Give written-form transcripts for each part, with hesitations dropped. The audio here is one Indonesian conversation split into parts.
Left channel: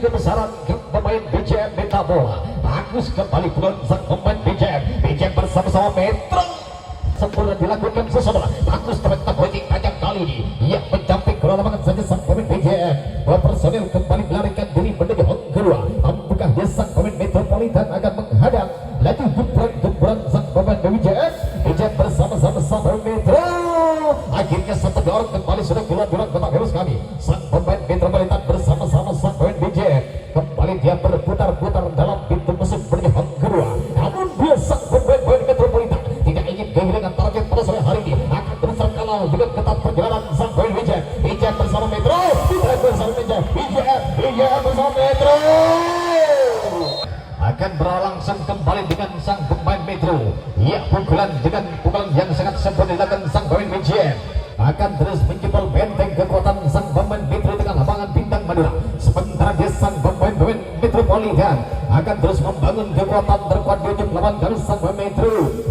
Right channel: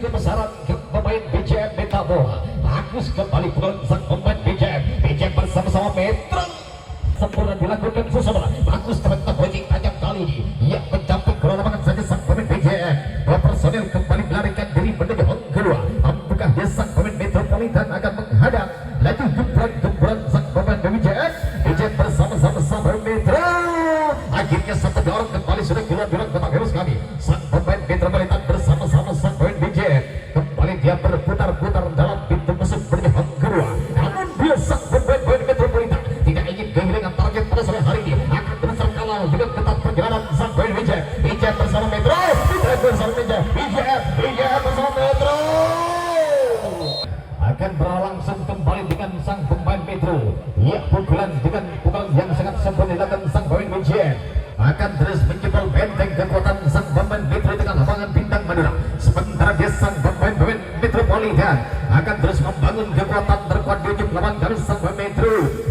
kebesaran pemain BJM Meta Bola. Bagus kembali pulang sang pemain BJM bersama-sama Metro. Sempurna dilakukan sesuatu. Bagus teman-teman Bojing tajam kali ini. Ia mencapai bola lapangan saja sang pemain BJM. Dua personil kembali melarikan diri menuju hong kedua. Apakah dia sang pemain Metropolitan akan menghadap laju gumpulan sang pemain BJM bersama-sama sang pemain Metro. Akhirnya satu dorong kembali sudah keluar kotak virus kami. Sang pemain Metropolitan bersama-sama sang pemain BJM kembali dia berputar-putar dalam pintu musuh menuju hong kedua. Namun dia sang pemain Metropolitan tidak ingin kehilangan target pada sore hari ini. Akan terus terkawal dengan ketat perjalanan sang pemain BJM bersama Metro. BJM bersama Metro akan berlangsung kembali dengan sang pemain Metro. Ya, pukulan yang sangat sempurna dilakukan sang pemain BJM akan terus menjebol benteng kekuatan sang pemain Metro dengan lapangan bintang Madura. Sementara dia sang pemain Metropolitan akan terus membangun kekuatan terkuat di ujung lapangan dari sang pemain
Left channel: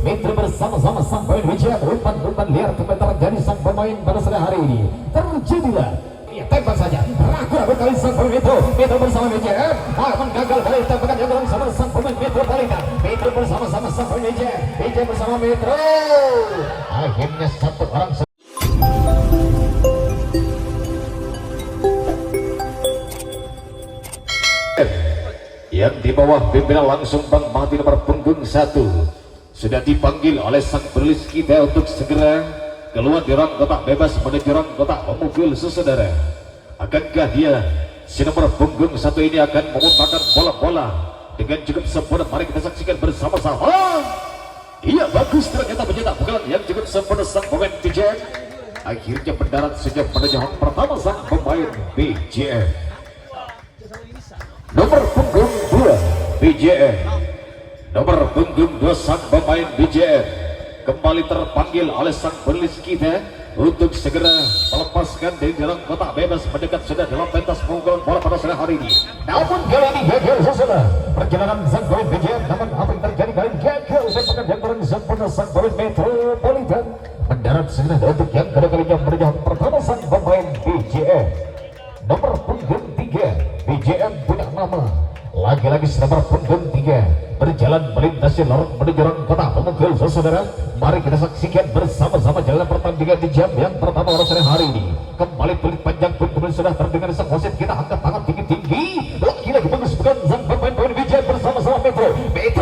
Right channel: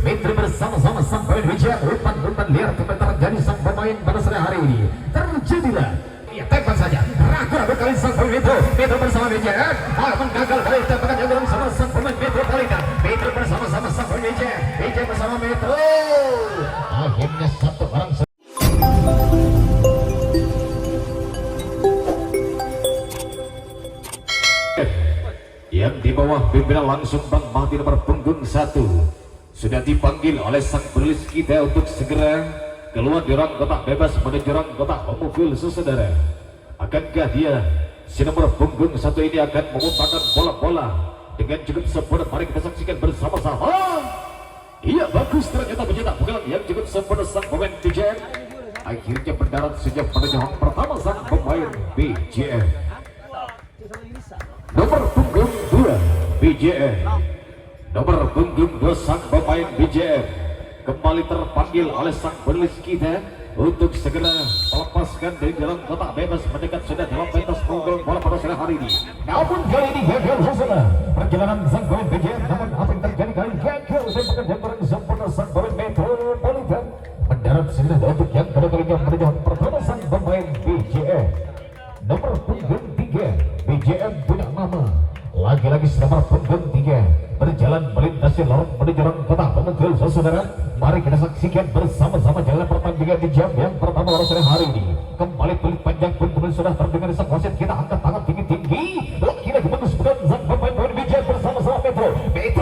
Metro bersama-sama sang pemain BJM. Umpan liar kebetulan dari sang pemain pada sore hari ini terjadilah. Ya, tembak saja. Ragu-ragu kali sang pemain Metro bersama BJM akan gagal kali tembakan yang bersama sang pemain Metropolitan. Metro bersama-sama sang pemain BJM bersama Metro. Akhirnya satu orang yang di bawah pimpinan langsung Bang Mati nomor punggung 1 sudah dipanggil oleh sang penulis kita untuk segera keluar di ruang kotak bebas menuju ruang kotak pemukul saudara. Akankah dia si nomor punggung 1 ini akan memutarkan bola-bola dengan cukup sempurna? Mari kita saksikan bersama-sama. Iya, bagus ternyata mencetak pukulan yang cukup sempurna sang pemain BJM. Akhirnya mendarat sejak menuju hang pertama sang pemain BJM. Nomor punggung 2 BJM. Nomor punggung 2 sang pemain BJM kembali terpanggil oleh sang penulis kita untuk segera melepaskan dari dalam kotak bebas mendekat sudah dalam pentas punggung bola pada sore hari ini. Namun kali ini gagal saudara perjalanan sang pemain BJM. Namun apa yang terjadi kali ini gagal tembakan yang kurang sempurna sang pemain Metropolitan mendarat segera untuk yang kedua kalinya menuju pertama sang pemain BJM. Nomor punggung 3 BJM punya nama lagi-lagi nomor punggung 3 berjalan melintasi lorong menuju kota pemukul saudara. Mari kita saksikan bersama-sama jalan pertandingan di jam yang pertama pada sore hari ini. Kembali pelik panjang pun sudah terdengar sang wasit. Kita angkat tangan tinggi-tinggi. Lagi-lagi bagus bukan sang pemain BJM bersama-sama Metro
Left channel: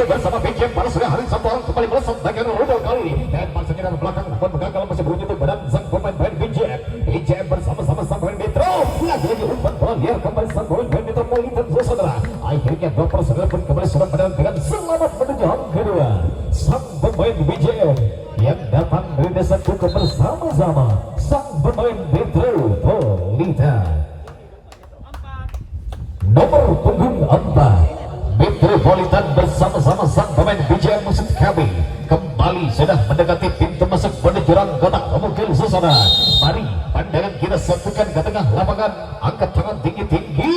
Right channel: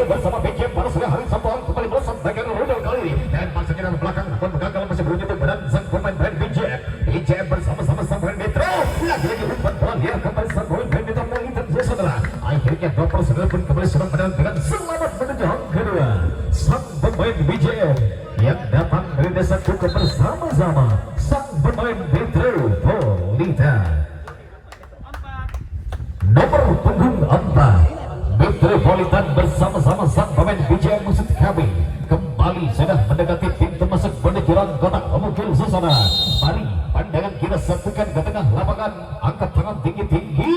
bersama BJM pada sore hari. Satu orang kembali melesat bagian rudal kali ini dan masuknya dalam belakang namun gagal masih beruntung badan sang pemain BJM bersama-sama sang pemain Metro. Lagi-lagi umpan bola liar kembali sang pemain Metropolitan saudara. Akhirnya dua personel pun kembali sudah pada dengan selamat menuju hang kedua. Sang pemain BJM yang datang dari desa Kuku bersama-sama sang pemain Metropolitan. Nomor punggung 4 Metropolitan bersama-sama sang pemain BJM musuh kami kembali sudah mendekati pintu masuk menuju rang kotak pemukul saudara. Mari pandangan kita satukan ke tengah lapangan, angkat tangan tinggi-tinggi.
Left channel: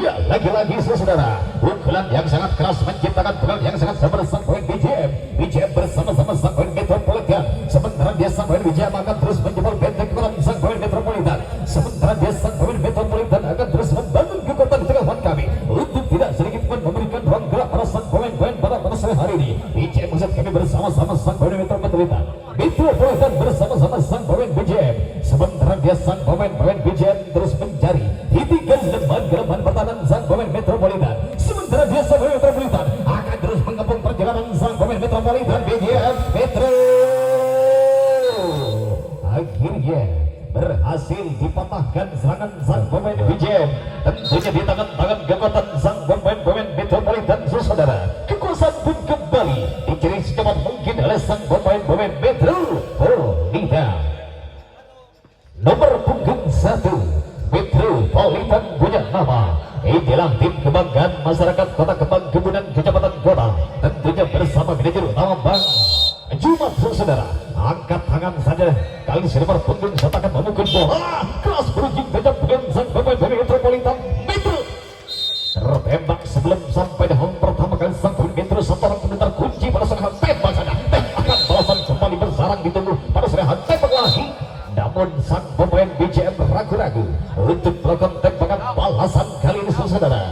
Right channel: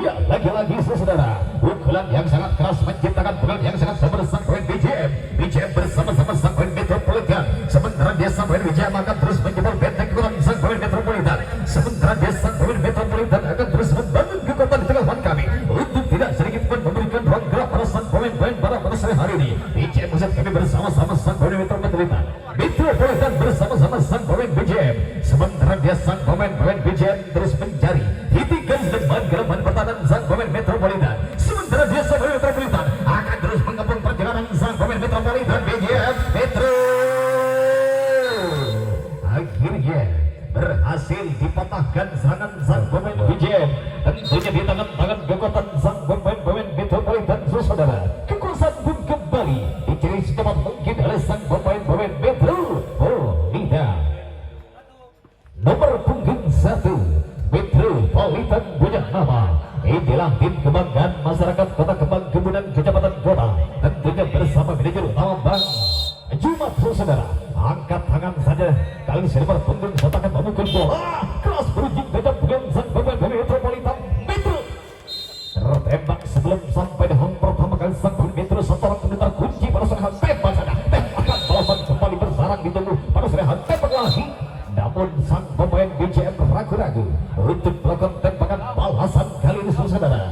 Ya, lagi-lagi saudara pukulan yang sangat keras menciptakan pukulan yang sangat sabar sang pemain BJM bersama-sama sang pemain Metropolitan. Sementara dia sang pemain BJM akan terus menjebol benteng kekuatan sang pemain Metropolitan. Sementara dia sang pemain Metropolitan akan terus membangun kekuatan di tengah lawan kami untuk tidak sedikit pun memberikan ruang gerak para sang pemain-pemain pada sore hari ini. BJM musuh kami bersama-sama sang pemain Metropolitan bersama-sama sang pemain BJM. Sementara dia sang pemain BJM terus mencari hitikan lembaga pertahanan sang pemain Metropolitan. Sementara dia sang pemain Metropolitan akan terus mengepung perjalanan sang pemain Metropolitan BJM Metro. Akhirnya berhasil dipatahkan serangan sang pemain BJM. Tentunya di tangan kekuatan sang pemain Metropolitan saudara. Kekuasaan pun kembali dicari secepat mungkin oleh sang pemain Metropolitan. Nomor punggung 1 Metropolitan punya nama. Inilah tim kebanggaan masyarakat Kota Kembang Kebunan Kecamatan Kota. Tentunya bersama manajer utama Bang Jumat saudara. Angkat tangan saja kali ini nomor punggung 1 akan memukul bola keras berujung gajah bukan sang pemain Metropolitan Metro. Tertembak sebelum sampai di hang pertama kali sang pemain Metro setelah kemudian kunci pada sore hari. Tembak saja akan balasan kembali bersarang ditunggu pada sore hari. Tembak lagi. Namun sang pemain BJM ragu-ragu untuk melakukan tembakan balasan kali ini saudara.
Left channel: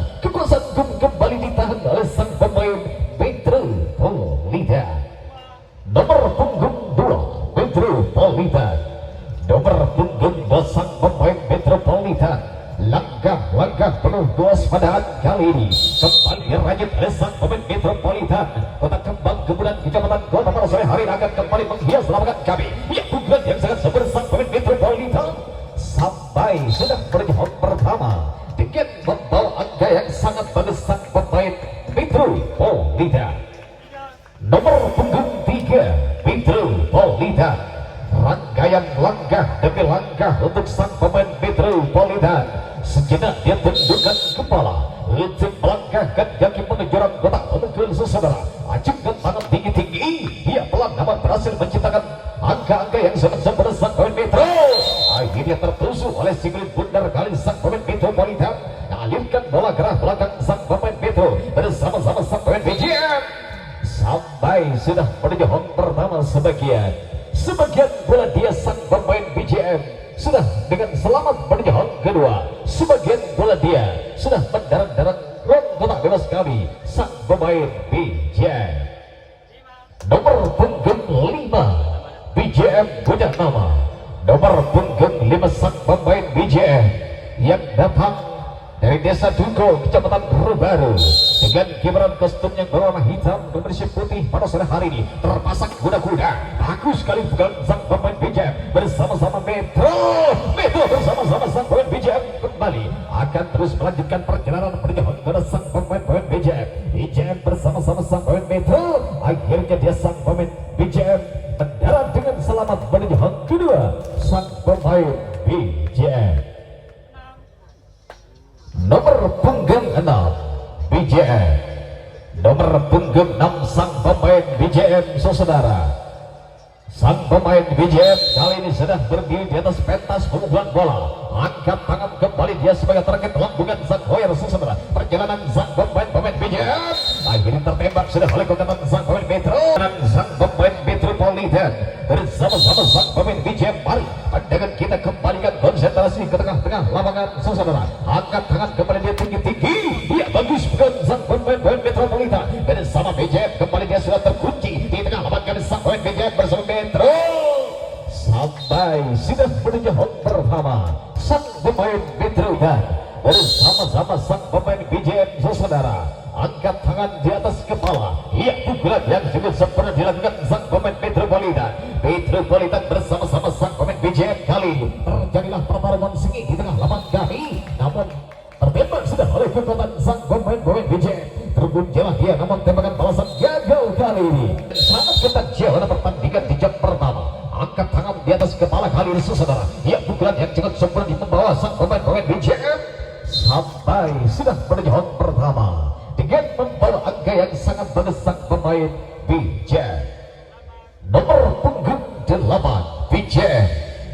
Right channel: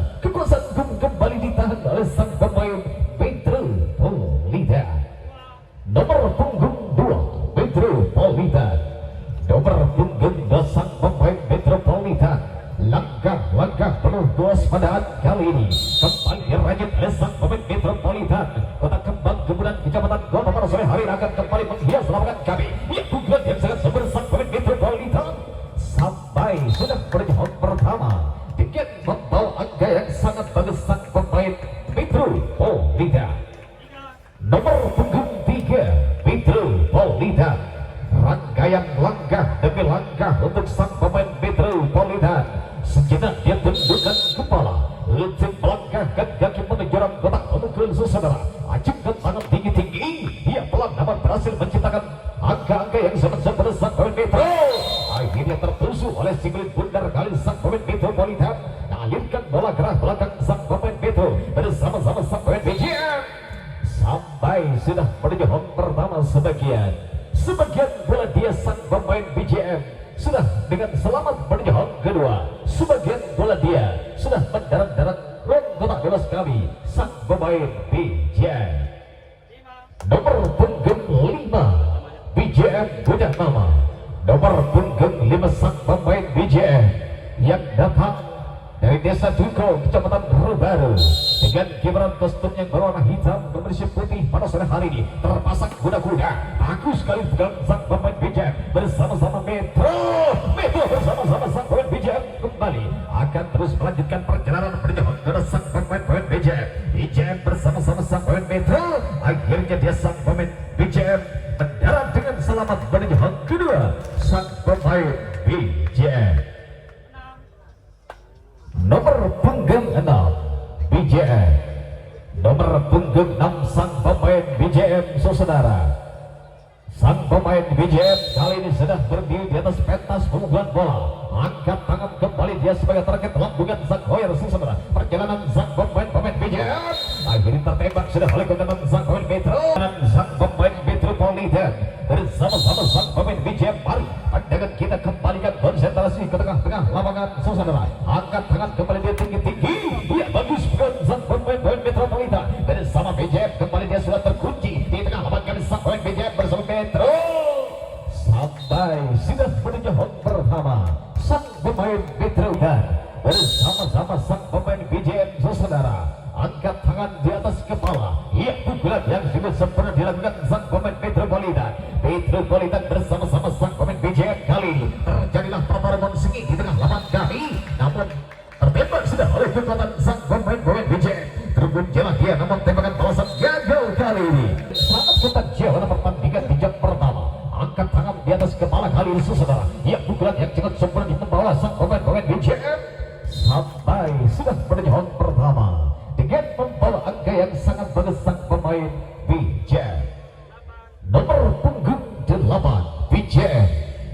kewaspadaan kali ini kembali dirajut oleh sang pemain Metropolitan Kota Kembang Kebunan Kecamatan Kota pada sore hari akan kembali menghias lapangan kami. Ya, pukulan yang sangat sabar sang pemain Metropolitan sampai sudah berjuang pertama dengan membawa angka yang sangat bagus sang pemain Metropolitan. Nomor punggung 3 Metropolitan. Rangkaian langkah demi langkah untuk sang pemain Metropolitan. Sejenak dia tundukkan kepala untuk melangkahkan kaki menuju jurang kotak pemukul saudara. Acungkan tangan tinggi-tinggi. Ia pelan dapat berhasil menciptakan angka-angka yang sangat sang pemain Metro. Akhirnya tertusuk oleh si kulit bundar kali sang pemain Metropolitan. Alirkan bola ke arah belakang sang pemain Metro bersama-sama sang pemain BJM. Sampai sudah menuju home pertama sebagian bola dia sang pemain BJM sudah dengan selamat menuju home kedua. Sebagian bola dia sudah mendarat-darat ruang kotak bebas kami sang pemain BJM. Nomor punggung 5 BJM punya nama. Nomor punggung 5 sang pemain BJM yang datang dari desa Duko, Kecamatan Baru dengan kibaran kostum yang berwarna hitam dan bersih putih pada sore hari ini terpasang kuda-kuda. Bagus sekali bukan sang pemain BJM bersama-sama Metro bersama-sama sang pemain BJM kembali akan terus melanjutkan perjalanan menuju ke sang pemain BJM bersama-sama sang pemain Metro. Akhirnya dia sang pemain BJM mendarat dengan selamat menuju kedua sang pemain BJM. Nomor punggung 6 BJM. Nomor punggung 6 sang pemain BJM saudara. Sang pemain BJM kali ini sedang berdiri di atas pentas pengumpulan bola. Angkat tangan kembali dia sebagai target lambungan sang hoyer saudara. Perjalanan sang pemain BJM akhirnya tertembak sudah oleh kontatan sang pemain Metro dan sang pemain Metropolitan bersama-sama sang pemain BJM. Mari pandangan kita kembalikan konsentrasi ke tengah-tengah lapangan saudara. Angkat tangan kembali dia tinggi-tinggi. Dia bagus bukan sang pemain Metropolitan bersama BJM kembali dia sudah terkunci di tengah lapangan sang pemain BJM bersama Metro. Sampai sudah menuju home pertama sang pemain Metro dan bersama-sama sang pemain BJM saudara. Angkat tangan di atas kepala. Ia pukulan yang cukup sempurna dilakukan sang pemain Metropolitan bersama-sama sang pemain BJM kali ini. Terjadilah pertarungan sengit di tengah lapangan kami. Namun tertembak sudah oleh kekuatan sang pemain BJM. Terbunjalah dia namun tembakan balasan gagal kali ini. Sangat ketat jalan pertandingan di jam pertama. Angkat tangan di atas kepala kali ini saudara. Ia pukulan yang cukup sempurna membawa sang pemain BJM sampai sudah menuju home pertama dengan membawa angka yang sangat bagus sang pemain BJM. Nomor punggung 8 BJM.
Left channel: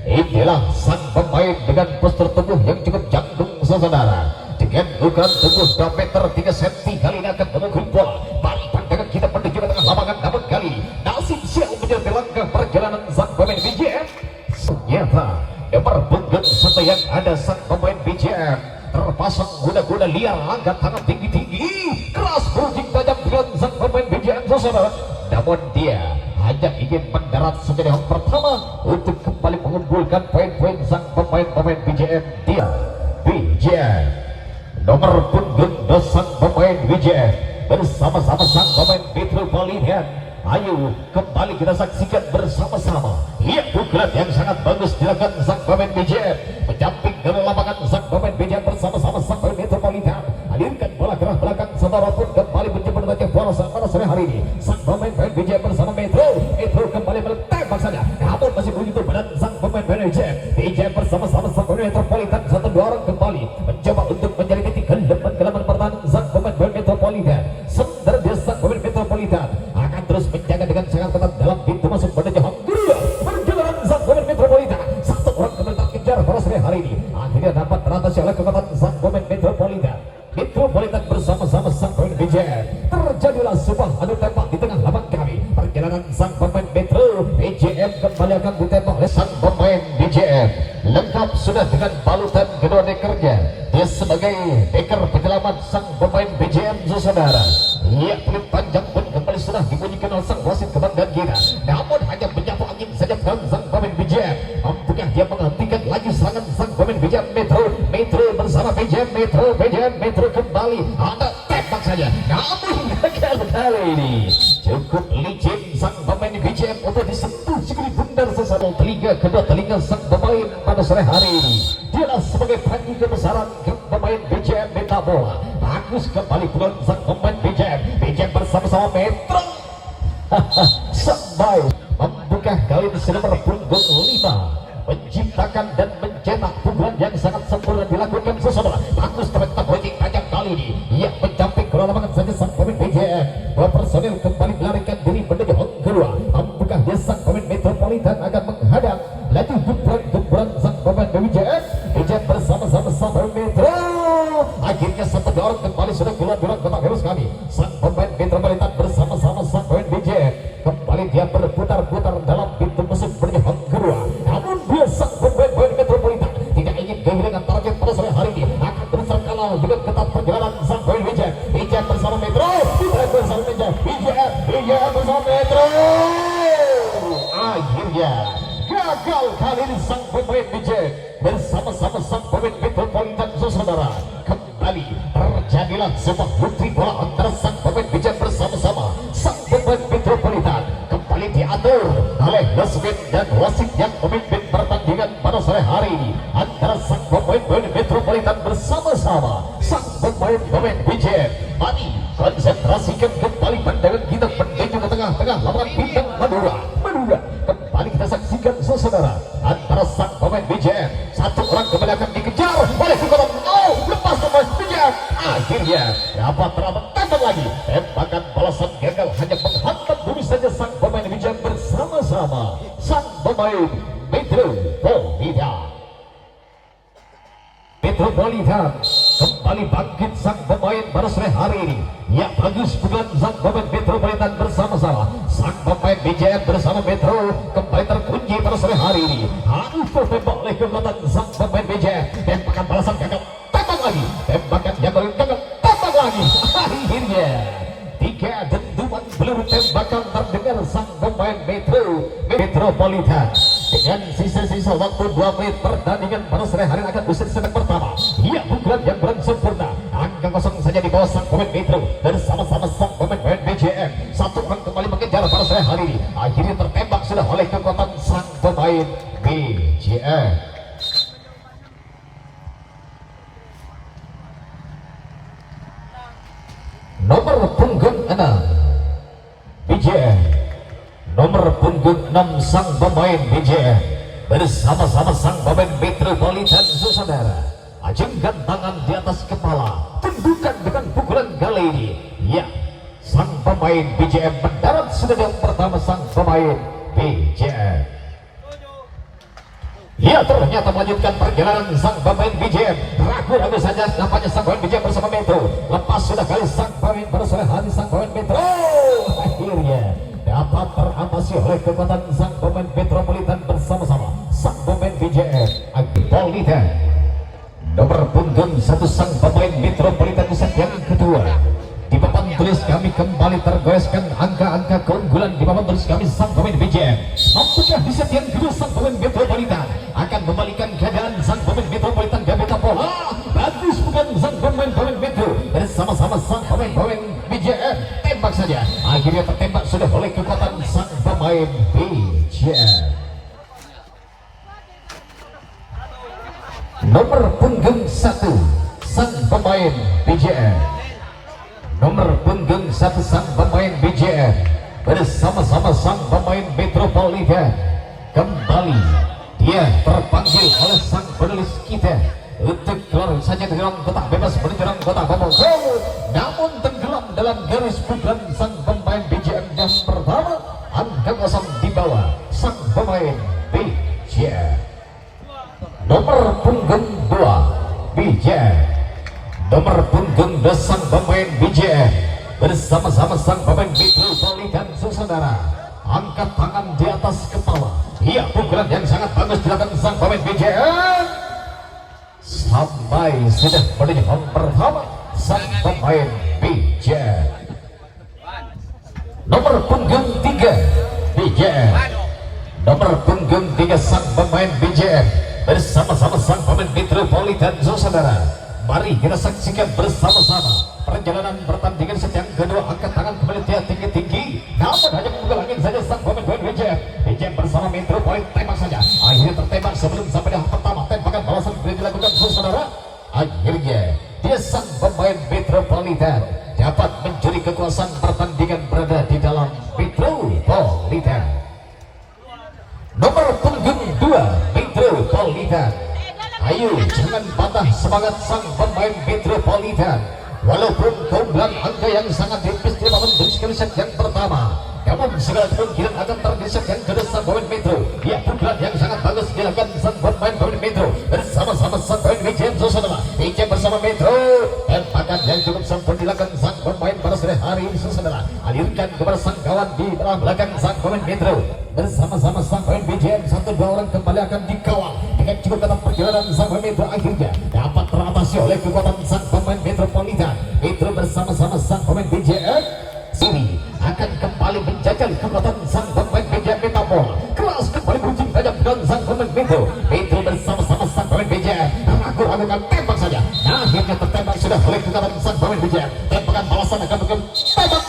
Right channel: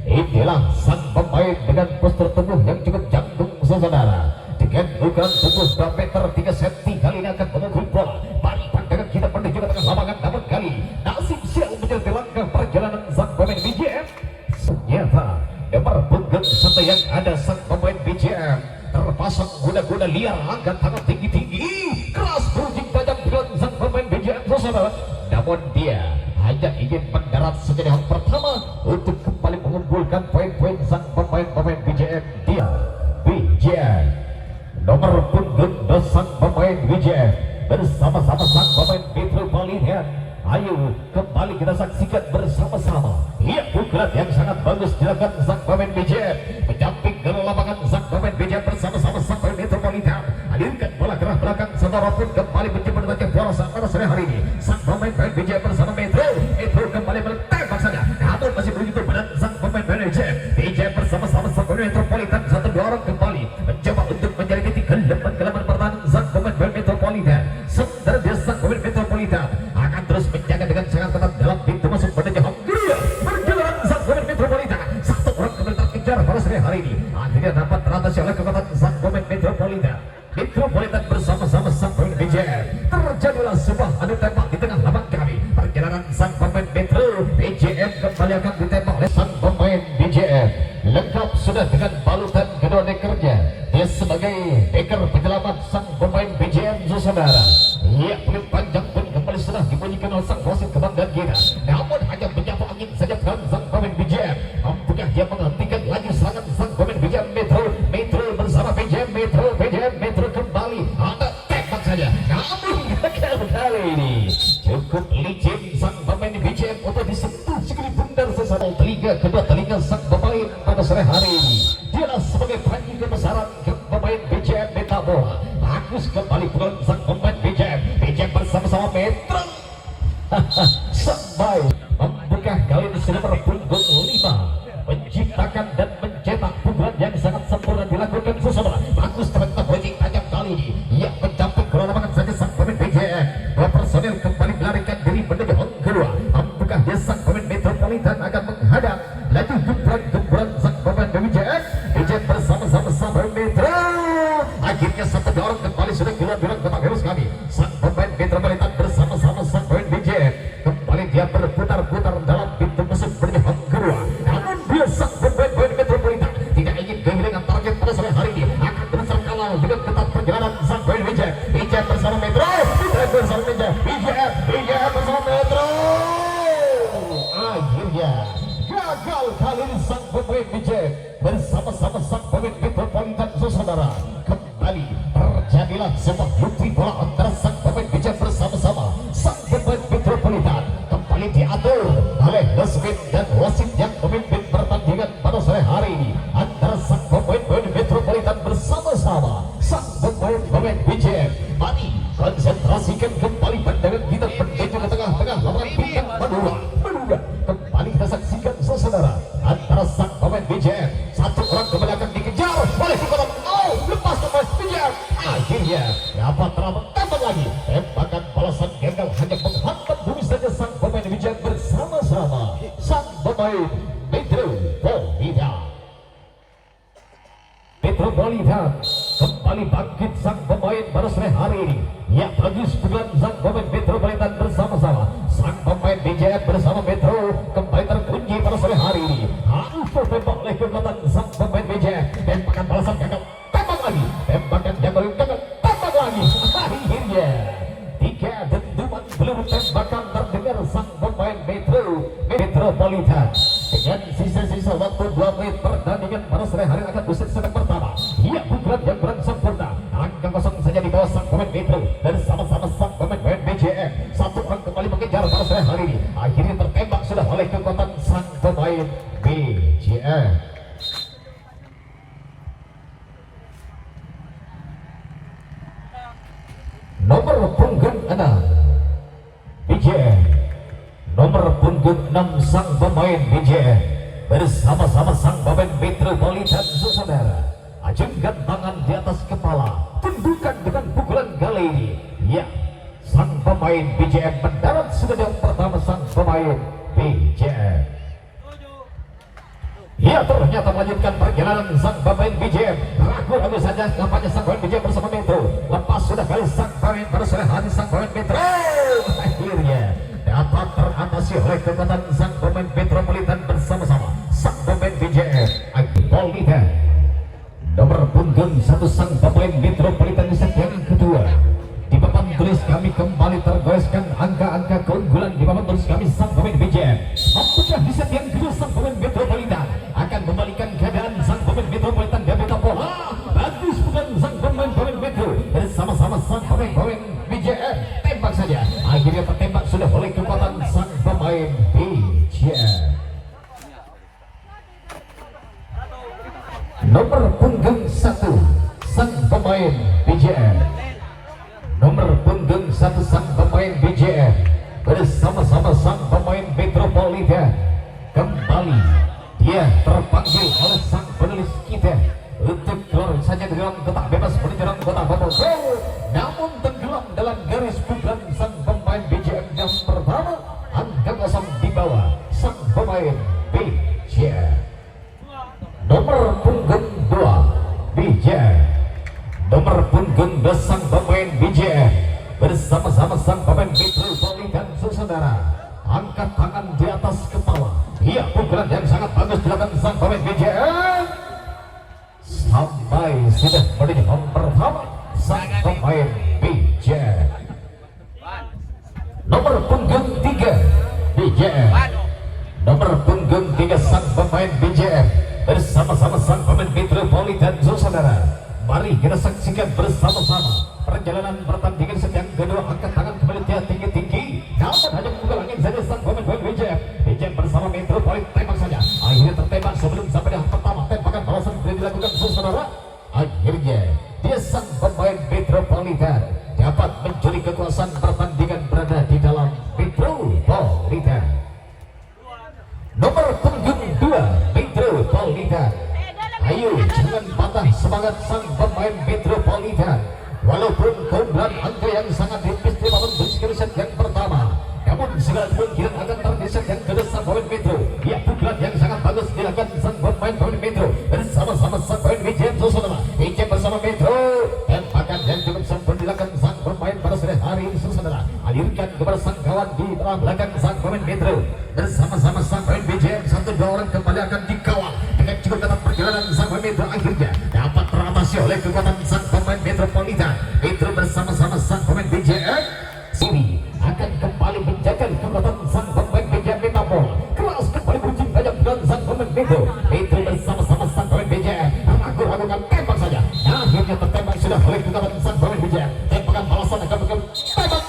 Inilah sang pemain dengan postur tubuh yang cukup jangkung saudara. Dengan ukuran tubuh 2 meter 3 cm kali ini akan memukul bola. Balik pandangan kita menuju ke tengah lapangan namun kali nasib siap menjadi langkah perjalanan sang pemain BJM. Ternyata nomor punggung 1 yang ada sang pemain BJM terpasang kuda-kuda liar angkat tangan tinggi-tinggi keras berujung tajam dengan sang pemain BJM saudara. Namun dia hanya ingin mendarat saja yang pertama untuk kembali mengumpulkan poin-poin sang pemain BJM. Dia BJM nomor punggung 2 sang pemain BJM bersama-sama sang pemain Metropolitan. Ayo kembali kita saksikan bersama-sama. Lihat pukulan yang sangat bagus dilakukan sang pemain BJM menyamping dari lapangan sang pemain BJM bersama-sama sang pemain Metropolitan. Alirkan bola ke arah belakang saudara pun kembali mencoba membaca bola pada sore hari ini. Sang pemain BJM bersama Metro kembali menembak saja. Namun masih begitu badan sang pemain BJM bersama-sama sang pemain Metropolitan. 1-2 orang kembali mencoba untuk mencari titik keleman pertahanan sang pemain Metropolitan. Sementara dia sang pemain Metropolitan akan terus menjaga dengan sangat ketat dalam pintu masuk menuju home kedua. Perjalanan sang pemain Metropolitan. 1 orang kembali terkejar pada sore hari ini. Akhirnya dapat teratasi oleh kekuatan sang pemain Metropolitan bersama-sama sang pemain BJM. Terjadilah sebuah adu tembak di tengah lapangan kami. Perjalanan sang pemain BJM kembali akan ditembak oleh sang pemain BJM. Lengkap sudah dengan balutan kedua dekernya. Dia sebagai deker penyelamat sang pemain BJM saudara. Ia pelit panjang pun kembali sudah dibunyikan oleh sang wasit kebanggaan kita. Namun hanya menyapu angin saja sang pemain BJM. Mampukah dia menghentikan lagi serangan sang pemain BJM Metro bersama BJM Metro Metro kembali ada tembak saja, namun gagal kali ini. Cukup licin sang pemain BJM untuk disentuh segini bundar sesaat telinga kedua telinga sang pemain pada sore hari ini. Dialah sebagai panji kebesaran pemain BJM Meta Bola. Bagus kembali pulang sang pemain BJM bersama-sama Metro. Sampai membuka kali ini nomor punggung 5, menciptakan dan mencetak pukulan yang sangat sempurna dilakukan seseorang. Bagus teman-teman bocing tajam kali ini yang mencapai bola lapangan saja sang pemain BJM. Dua personel kembali melarikan diri menuju hong kedua. Membuka dia sang pemain Metropolitan akan menghadap laju gembran sang pemain BJM bersama-sama sang pemain Metro. Akhirnya satu dorong kembali sudah keluar kotak harus kami. Sang pemain Metropolitan bersama-sama sang pemain BJM kembali dia berputar-putar dalam pintu musuh menuju hong kedua. Namun dia sang pemain Metropolitan tidak ingin kehilangan target pada sore hari ini, akan berusaha kalau dengan ketat perjalanan sang pemain BJM bersama Metro, bersama BJM bersama Metro. Akhirnya gagal kali ini sang pemain BJM bersama-sama sang pemain Metropolitan saudara. Kembali terjadilah sebuah bukti bola antara sang pemain BJM bersama-sama sang pemain Metropolitan. Kembali diatur oleh Lesmin dan wasit yang memimpin pertandingan pada sore hari ini antara sang pemain Metropolitan bersama-sama sang pemain BJM. Mari konsentrasikan kembali pandangan kita menuju ke tengah-tengah lapangan bintang Madura. Kembali kita saksikan saudara antara sang pemain BJM. Satu orang kembali akan dikejar oleh Kukoran. Lepas pemain BJM. Akhirnya dapat terabot tembak lagi. Tembakan balasan gagal hanya menghantam bumi saja sang pemain BJM bersama-sama sang pemain Metropolitan kembali bangkit sang pemain pada sore hari ini. Ya bagus bukan sang pemain Metropolitan bersama-sama sang pemain BJM bersama Metro kembali terkunci pada sore hari ini. Harus tertembak oleh kekuatan sang pemain BJM. Tembakan balasan gagal, tembak lagi. Tembakan gagal, tembak lagi. Akhirnya 3 dentuman peluru tembakan terdengar sang pemain Metropolitan. Dengan sisa-sisa waktu 2 menit pertandingan pada sore hari akan usai set pertama. Ia pukulan yang kurang sempurna. Angka kosong saja di bawah sang pemain Metro bersama-sama sang pemain BJM. Satu orang kembali mengejar pada sore hari ini. Akhirnya tertembak sudah oleh kekuatan sang pemain BJM. Nomor punggung 6 BJM. Nomor punggung 6 sang pemain BJM bersama-sama sang pemain Metropolitan saudara. Ajengkan tangan di atas kepala, tunjukkan dengan pukulan kali ini. Ya, sang pemain BJM mendarat sudah yang pertama sang pemain BJM. Ya ternyata melanjutkan perjalanan sang pemain BJM. Ragu-ragu saja nampaknya sang pemain BJM bersama Metro. Lepas sudah kali sang pemain pada sore hari sang pemain Metro. Akhirnya dapat teratasi oleh kekuatan sang pemain Metropolitan bersama-sama sang pemain BJM. Metropolitan nomor punggung 1 sang pemain Metropolitan di set yang kedua. Di papan tulis kami kembali tergoreskan angka-angka keunggulan di papan tulis kami sang pemain BJM. Apakah di set yang kedua sang pemain Metropolitan akan membalikan keadaan sang pemain Metropolitan Gabita Bola? Bagus bukan sang pemain Metro bersama-sama sang pemain BJM. Tembak saja. Akhirnya tertembak sudah oleh kekuatan sang pemain BJM. Nomor punggung 1 sang pemain BJM. Nomor punggung 1 sang pemain BJM bersama-sama sang pemain Metropolitan. Kembali dia terpanggil oleh sang penulis kita untuk keluar saja tenggelam kotak bebas menuju kotak babak gol. Namun tenggelam dalam garis pukulan sang pemain BJM yang pertama. Angka kosong di bawah sang pemain BJM. Nomor punggung 2 BJM. Nomor punggung 2 sang pemain BJM bersama-sama sang pemain Metropolitan saudara. Angkat tangan di atas kepala. Iya pukulan yang sangat bagus dilakukan sang pemain BJM. Sampai sudah menuju home pertama sang pemain BJM. Nomor punggung 3 BJM. Nomor punggung 3 sang pemain BJM bersama-sama sang pemain Metropolitan saudara. Mari Mari kita saksikan bersama-sama perjalanan pertandingan set yang kedua. Angkat tangan kembali dia tinggi-tinggi, namun hanya membuka angin saja sang pemain BJM bersama Metropolit. Tembak saja, akhirnya tertembak sebelum sampai di pertama. Tembakan balasan kembali dilakukan saudara. Akhirnya dia sang pemain Metropolitan dapat mencuri kekuasaan pertandingan berada di dalam Metropolitan. Nomor punggung 2 Metropolitan. Ayo jangan patah semangat sang pemain Metropolitan. Walaupun keunggulan angka yang sangat tipis di dalam beriskeli set yang pertama, namun segala kemungkinan akan tergeser yang kedua sang pemain Metro. Ya, pukulan yang sangat bagus dilakukan sang pemain Metro bersama-sama sang pemain BJM saudara. BJM bersama Metro, tembakan yang cukup sempat dilakukan sang pemain pada sore hari ini saudara. Alirkan kepada sang kawan di belakang sang pemain Metro bersama-sama sang pemain BJM. 1-2 orang kembali akan dikawal dengan cukup dalam perjalanan sang pemain Metro. Akhirnya dapat teratasi oleh kekuatan sang pemain Metropolitan. Metro bersama-sama sang pemain BJM sini akan kembali menjaga kekuatan sang pemain BJM Metapol. Kelas kembali berujung tajam dengan sang pemain Metro. Metro bersama-sama sang pemain BJM ragu-ragukan tembak saja. Nah, akhirnya tertembak sudah oleh kekuatan sang pemain BJM. Tembakan balasan akan betul tembak.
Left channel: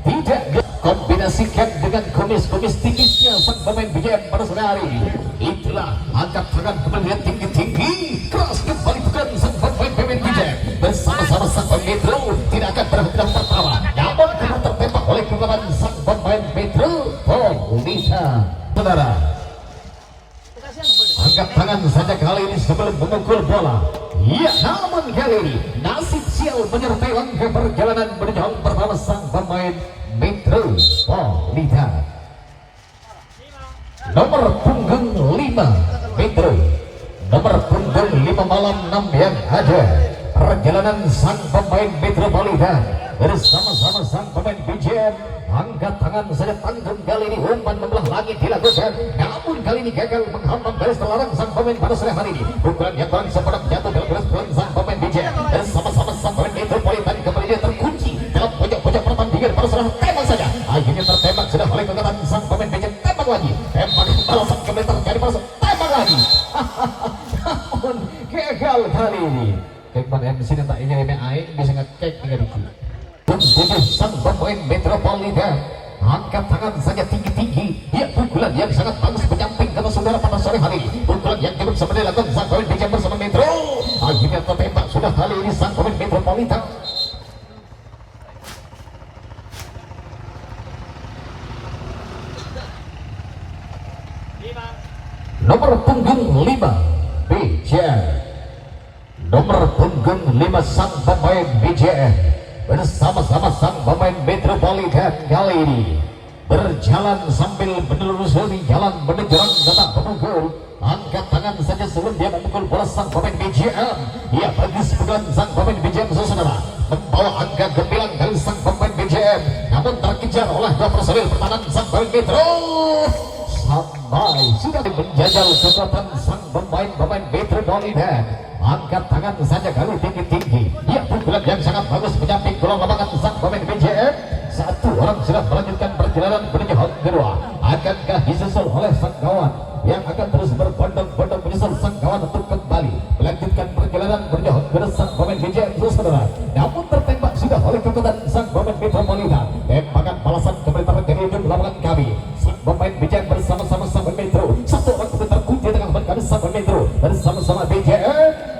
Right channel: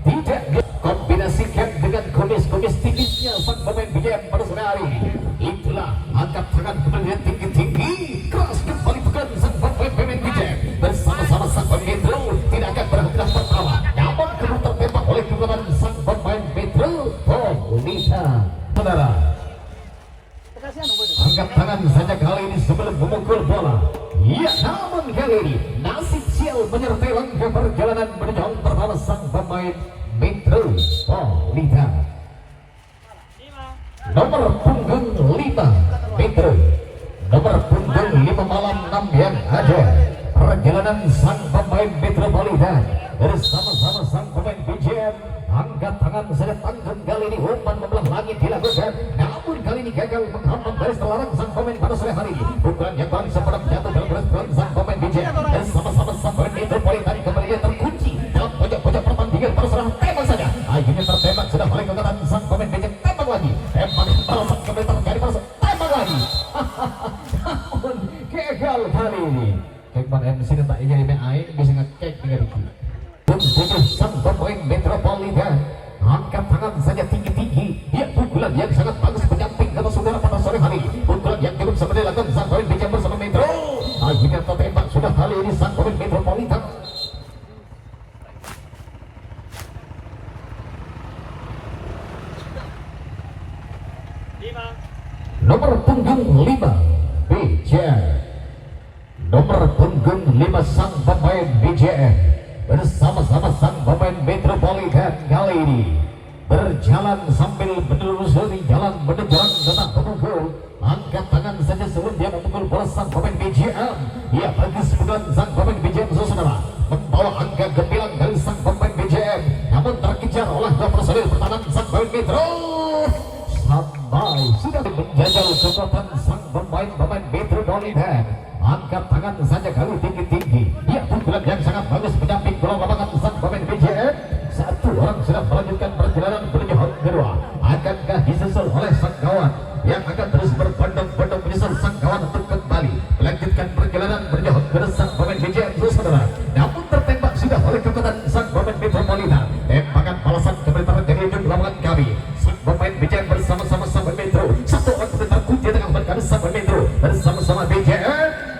Tidak kombinasikan dengan kumis-kumis tipisnya sang pemain BJM pada sore hari. Itulah angkat tangan kembali tinggi-tinggi. Keras kembali bukan sang pemain BJM bersama-sama sang pemain Metro. Tidak akan berhenti dalam pertama, namun kemudian tertembak oleh kekuatan sang pemain Metropolitan. Saudara, angkat tangan saja kali ini sebelum memukul bola. Ya, namun kali ini nasib sial menyertai langkah perjalanan menuju pertama sang pemain Metropolitan. Nomor punggung 5 Metro, nomor punggung 5 malam 6 yang ada. Perjalanan sang pemain Metropolitan bersama-sama sang pemain BJM. Angkat tangan saja tanggung kali ini umpan membelah langit dilakukan, namun kali ini gagal menghampang garis terlarang sang pemain pada sore hari ini. Pukulan yang paling sempat jatuh dalam belas poin sang pemain BJM bersama-sama sang pemain Metropolitan kembali terkunci dalam pojok-pojok pertandingan pada sore. Tembak saja, akhirnya tertembak sudah oleh kekuatan sang pemain BJM. Tembak lagi, tembakan balasan kembali terjadi pada sore. Tembak lagi, namun gagal kali ini. Kekuatan MC dan tak ingin aing bisa ngecek dengan dikit. Tujuh sang pemain Metropolitan angkat tangan saja tinggi-tinggi. Ya, pukulan yang sangat bagus menyamping kata saudara pada sore hari ini. Pukulan yang cukup seperti dilakukan sang pemain BJM bersama Metro. Akhirnya tertembak sudah kali ini sang pemain Metropolitan. Nomor punggung 5 BJM, nomor punggung 5 sang pemain BJM bersama-sama sang pemain Metropolitan kali ini berjalan sambil menelusuri jalan menuju tanah pemukul. Angkat tangan saja sebelum dia memukul bola sang pemain BJM. Ia bagi sebulan sang pemain BJM saudara membawa angka gemilang dari sang pemain BJM, namun terkejar oleh dua personil pertahanan sang pemain Metro. Sampai sudah menjajal kekuatan sang pemain Metropolitan. Angkat tangan saja kali tinggi-tinggi. Ya, pukulan yang sangat bagus menyamping bola lapangan sang pemain BJM. Satu orang sudah melanjutkan perjalanan menuju hal kedua. Akankah disusul oleh sang kawan yang akan terus berbondong-bondong menyusul sang kawan untuk kembali melanjutkan perjalanan menuju hal kedua sang pemain BJM saudara. Namun tertembak sudah oleh kekuatan sang pemain Metropolitan. Tembakan balasan kembali terjadi di lapangan kami. Sang pemain BJM bersama-sama sang pemain Metro. Satu orang kembali terkunci di tengah kami sang pemain Metro bersama-sama BJM.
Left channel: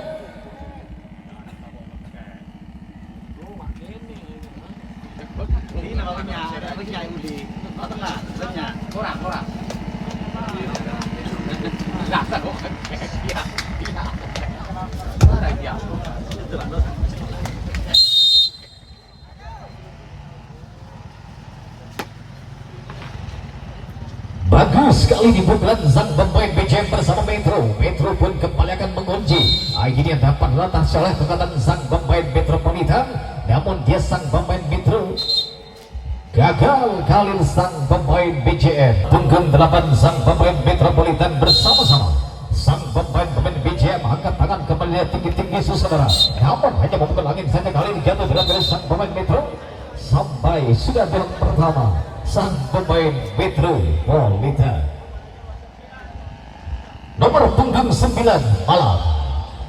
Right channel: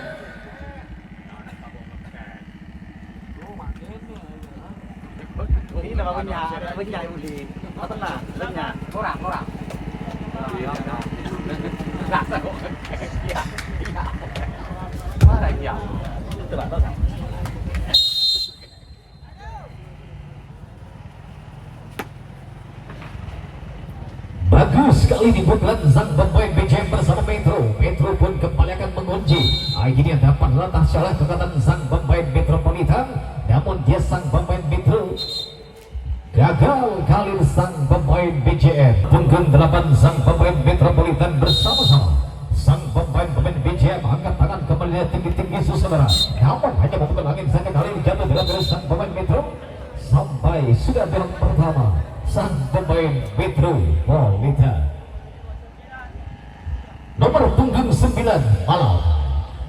Nhà uli, nó tức là lên nhà, nó rạc. Rạc rồi, quá là nhiều, tức là nó bagus sekali di pukulan sang pemain BJM bersama Metro. Metro pun kembali akan mengunci. Akhirnya dapat latah oleh kekuatan sang pemain Metropolitan, namun dia sang pemain Metro gagal kali sang pemain BJM. Punggung 8 sang pemain Metropolitan bersama-sama sang pemain BJM angkat tangan kembali tinggi-tinggi saudara. Namun hanya memukul angin saja kali ini jatuh dalam garis sang pemain Metro. Sampai sudah di round pertama sang pemain Metropolitan. Nomor punggung 9 malam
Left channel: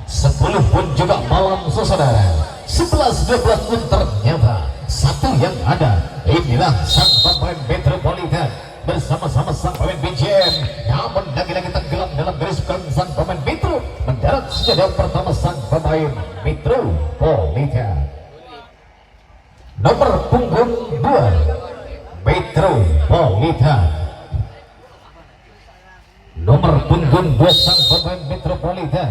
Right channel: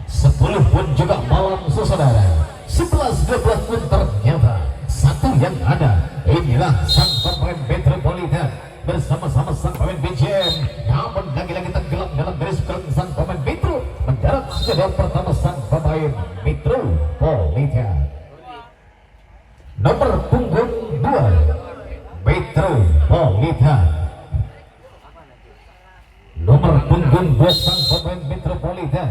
10 pun juga malam saudara 11-12 pun ternyata satu yang ada. Inilah sang pemain Metropolitan bersama-sama sang pemain BJM, namun lagi-lagi tenggelam dalam garis belakang sang pemain Metro. Mendarat sudah pertama sang pemain Metropolitan nomor punggung 2 Metropolitan. Nomor punggung 2 sang pemain Metropolitan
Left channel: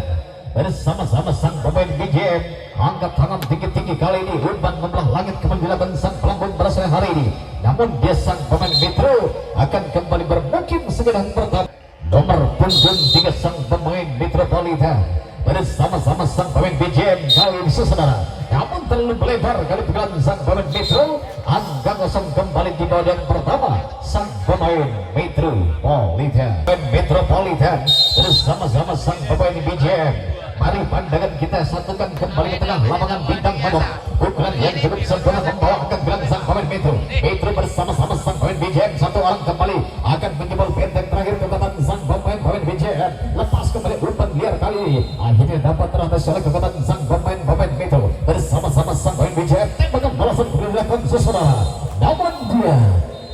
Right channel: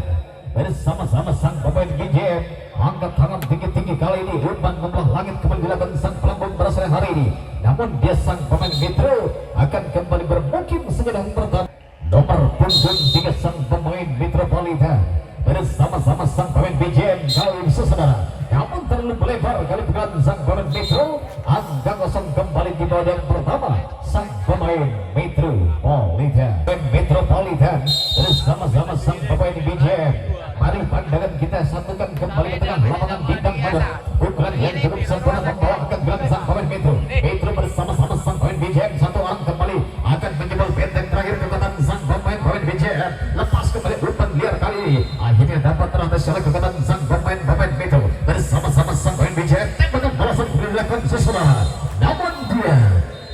bersama-sama sang pemain BJM. Angkat tangan tinggi-tinggi kali ini, umpan membelah langit kembali dilakukan sang pelambung pada sore hari ini. Namun dia sang pemain Metro akan kembali bermukim segera pertama. Nomor punggung 3 sang pemain Metropolitan bersama-sama sang pemain BJM kali ini saudara. Namun terlalu melebar kalau bukan sang pemain Metro. Angka kosong kembali di babak pertama sang pemain Metropolitan. Metropolitan bersama-sama sang pemain BJM. Mari pandangan kita satukan kembali ke tengah lapangan bintang Madura. Pukulan yang cukup sempurna membawakan gelang sang pemain Metro. Metro bersama-sama sang pemain BJM. Satu orang kembali akan menjebol benteng terakhir kekuatan sang pemain BJM. Lepas kembali umpan liar kali ini. Akhirnya dapat teratasi oleh kekuatan sang pemain Metro. Bersama-sama sang pemain BJM. Tembakan balasan dilakukan saudara. Namun dia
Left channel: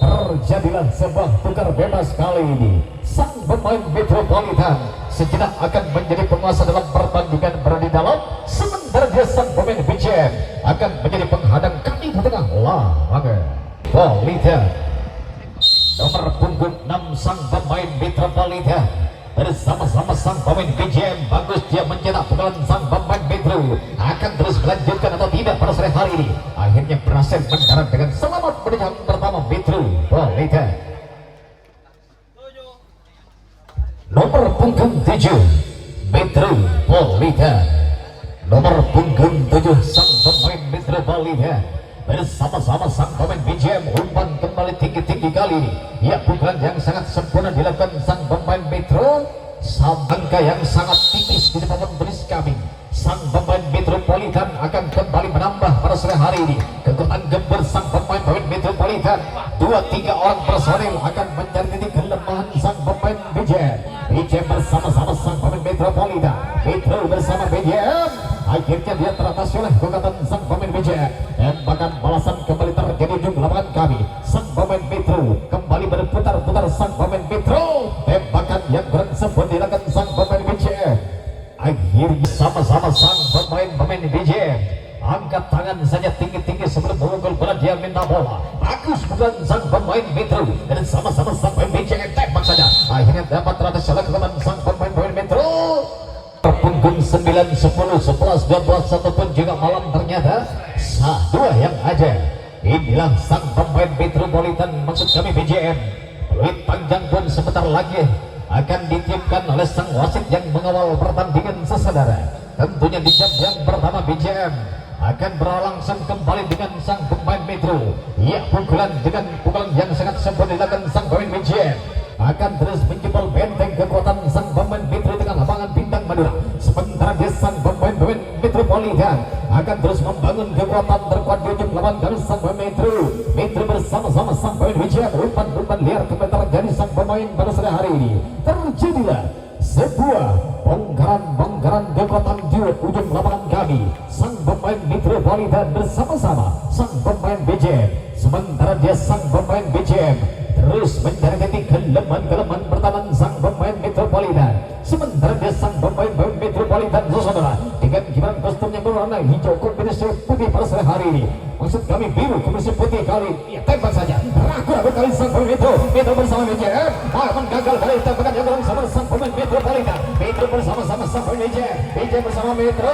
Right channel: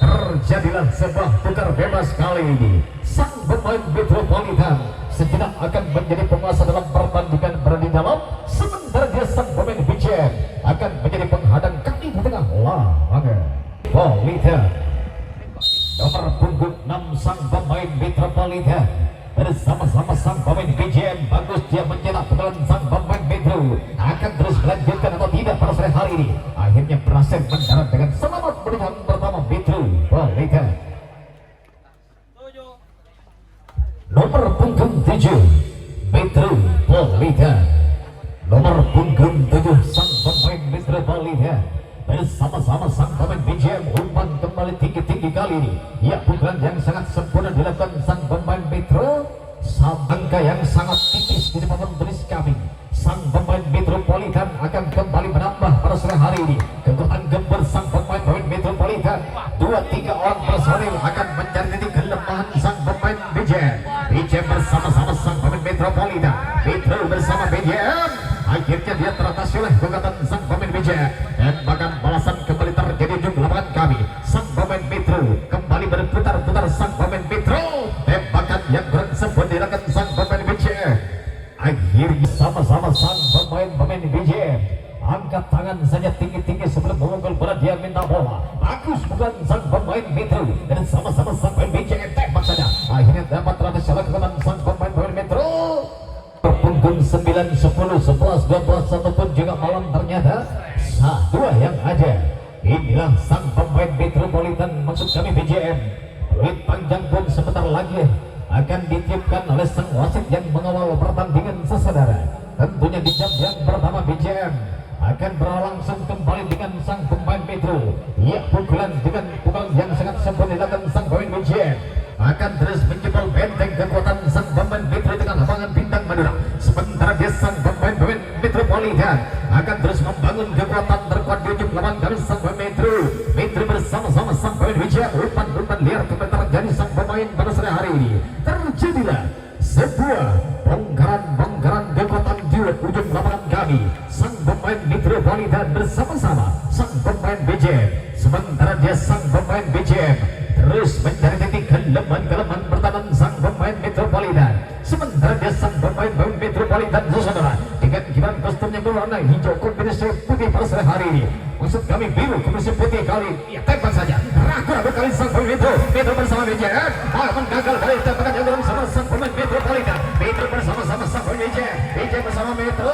terjadilah sebuah tukar bebas kali ini. Sang pemain Metropolitan sejenak akan menjadi penguasa dalam pertandingan berada di dalam, sementara dia sang pemain BJM akan menjadi penghadang kaki di tengah lapangan. Metropolitan nomor punggung 6 sang pemain Metropolitan bersama-sama sang pemain BJM. Bagus dia mencetak pukulan sang pemain Metro. Akan terus melanjutkan atau tidak pada sore hari ini. Akhirnya berhasil mendarat dengan selamat menang pertama Metropolitan. Nomor punggung 7 Metropolitan. Nomor punggung 7 sang pemain Metropolitan bersama-sama sang pemain BJM. Umpan kembali tinggi-tinggi kali ini. Ya, pukulan yang sangat sempurna dilakukan sang pemain Metro. Angka yang sangat tipis di depan tulis kami. Sang pemain Metropolitan akan kembali menambah pada sore hari ini. Kekuatan gembir sang pemain Metropolitan. 2-3 orang personil akan mencari titik kelemahan sang pemain BJM. BJM bersama-sama sang pemain Metropolitan. Metro bersama BJM. Akhirnya dia teratasi oleh kekuatan sang pemain BJM. Tembakan balasan kembali terjadi di lapangan kami. Sang pemain Metro kembali berputar-putar sang pemain Metro. Tembakan yang kurang sempurna dilakukan sang pemain BJM. Akhirnya sama-sama sang pemain BJM angkat tangan saja tinggi-tinggi sebelum mengunggul bola. Dia minta bola. Bagus bukan sang pemain Metro dan sama-sama sang pemain BJM tembak saja. Akhirnya dapat teratasi oleh kekuatan sang pemain Metro. Punggung 9, 10, 11, 12, 1 pun juga malam ternyata dua yang aja. Inilah sang pemain Metropolitan, maksud kami BJM. Peluit panjang pun sebentar lagi akan ditiupkan oleh sang wasit yang mengawal pertandingan saudara. Tentunya di jam yang pertama BJM akan berlangsung kembali dengan sang pemain Metro. Ya, pukulan dengan pukulan yang sangat sempurna dilakukan sang pemain BJM akan terus menjebol benteng kekuatan sang pemain Metro dengan lapangan bintang Madura. Sementara dia sang pemain Metropolitan akan terus membangun kekuatan terkuat di ujung lapangan kami sang pemain Metro. Metro bersama-sama sang pemain BJM. Umpan liar kembali terjadi sang pemain pada sore hari ini. Terjadilah sebuah bongkaran kekuatan di ujung lapangan kami. Sang pemain Metropolitan bersama-sama sang pemain BJM. Sementara dia sang pemain BJM terus mencari titik kelemahan pertahanan sang pemain Metropolitan. Sementara dia sang pemain Metropolitan saudara dengan kibaran kostum yang berwarna hijau kombinasi putih pada sore hari ini. Maksud kami biru kombinasi putih kali ini. Ya, tembak saja. Ragu-ragu kali sang pemain Metro bersama BJM. Akan gagal kali tembakan yang bersama sang pemain Metropolitan. Metro bersama-sama sang pemain BJM bersama Metro.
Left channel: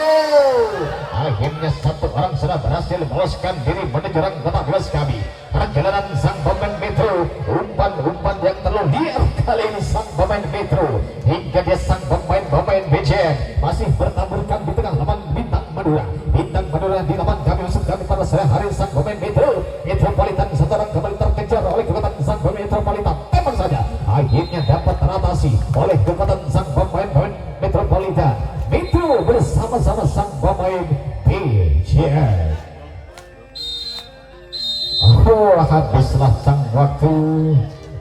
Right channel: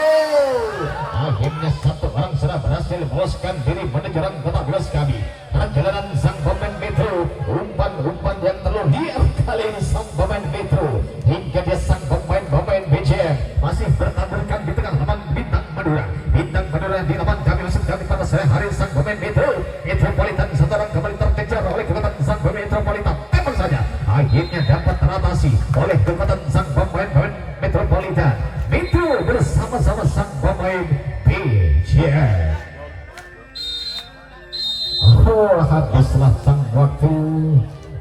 Akhirnya satu orang sudah berhasil meloloskan diri menuju rang babak 12 kami. Perjalanan sang pemain Metro. Umpan yang terlalu liar kali ini sang pemain Metro. Hingga dia sang pemain BJM masih bertaburkan di tengah lapangan bintang Madura. Bintang Madura di lapangan kami maksud kami pada sore hari sang pemain Metropolitan. Satu orang kembali terkejar oleh kekuatan sang pemain Metropolitan. Tembak saja. Akhirnya dapat teratasi oleh kekuatan sang pemain Metropolitan. Metro bersama-sama sang pemain BJM. Habislah sang waktu.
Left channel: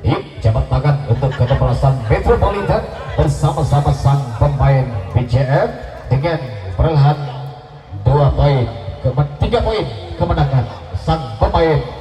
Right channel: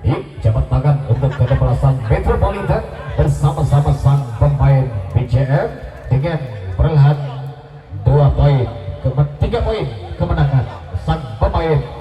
Yuk, jabat tangan untuk kedepelasan Metropolitan bersama-sama sang pemain BJM dengan perlahan Cuma 3 poin kemenangan sang pemain